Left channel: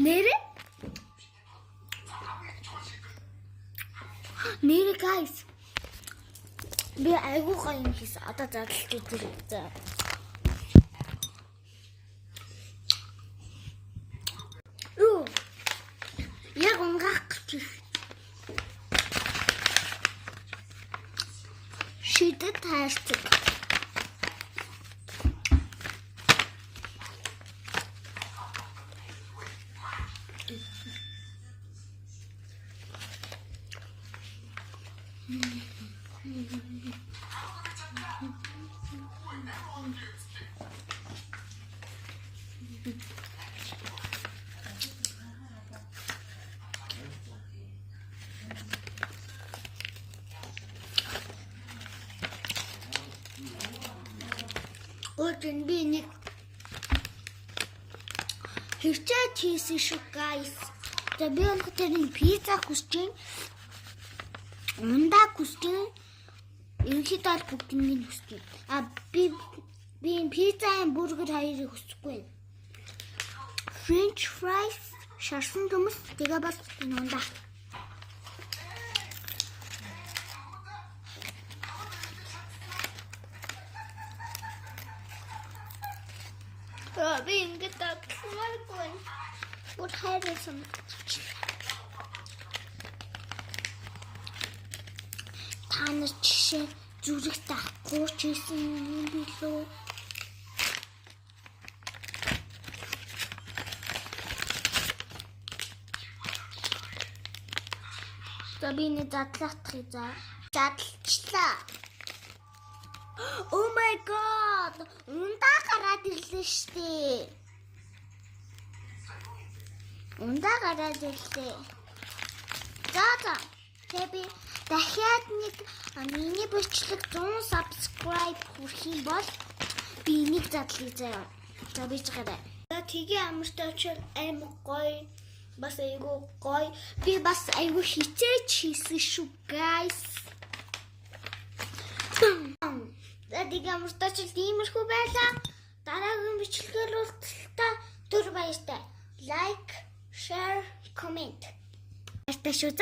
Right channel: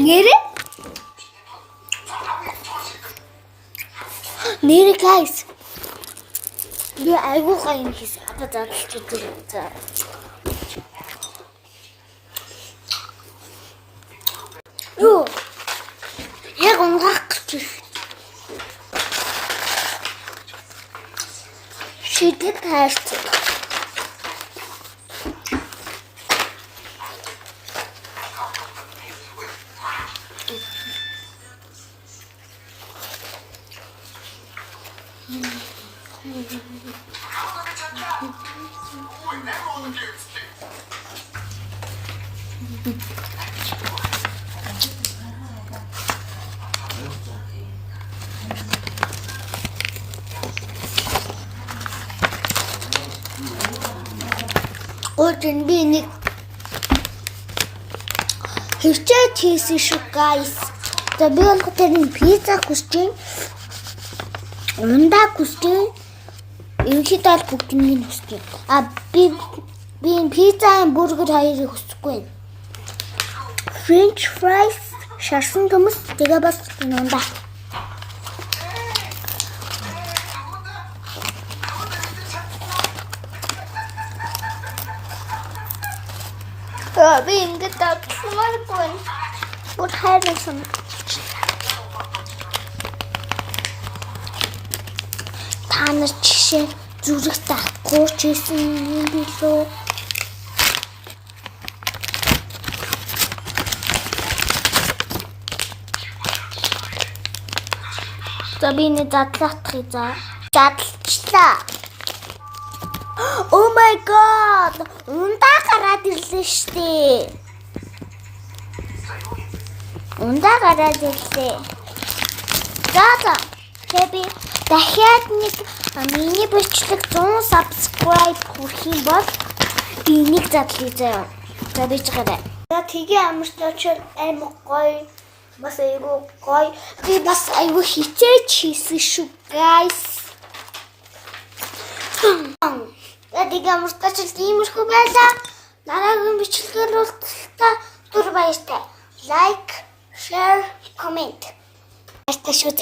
Нэрэ guys. Би айгуу гоё юм хийсэн. Одоо задлж үзээ. Юу? Яг унгаах гэж. Шидэт хайрцаг. Өөдрөн би нэг хэрчээ хийсэн шүү guys. За би бол тэрний пицца хүсэж, ундаа хүсэж, ерөнхийдөө бүгднийг хүсэж. Би пицца, бургер хоёрыг хүсэхгүй. French fries, шарсан төмс, тэгээ бас ундаа. Би ингээд татмааргүй. Бүр хайрсан. Та нар жишээ зүрх тахгүй ч гэсэн юм билүү. За би нэг задлаах за. Задлчлаа. Oh my god! Ундаа гараад ирлээ штэ. Ундаа гараад ирлээ. За. Тэби дахиад нэг миний бичлэг 100 subscribe хүрэх юм бол би нэг задлаа заяа. За би ч гараа. За тгээ амарч очоод аймаг гоё. Бас айгуу гоё. Би бас айгуу хичээж хийсэн шүү guys. Тэгээ амартаач тиймэрхүү байлаа. Дараагийн бичлэгээр уулзалтаа түр баяртай. Like, share, comment. Баяртай шүү.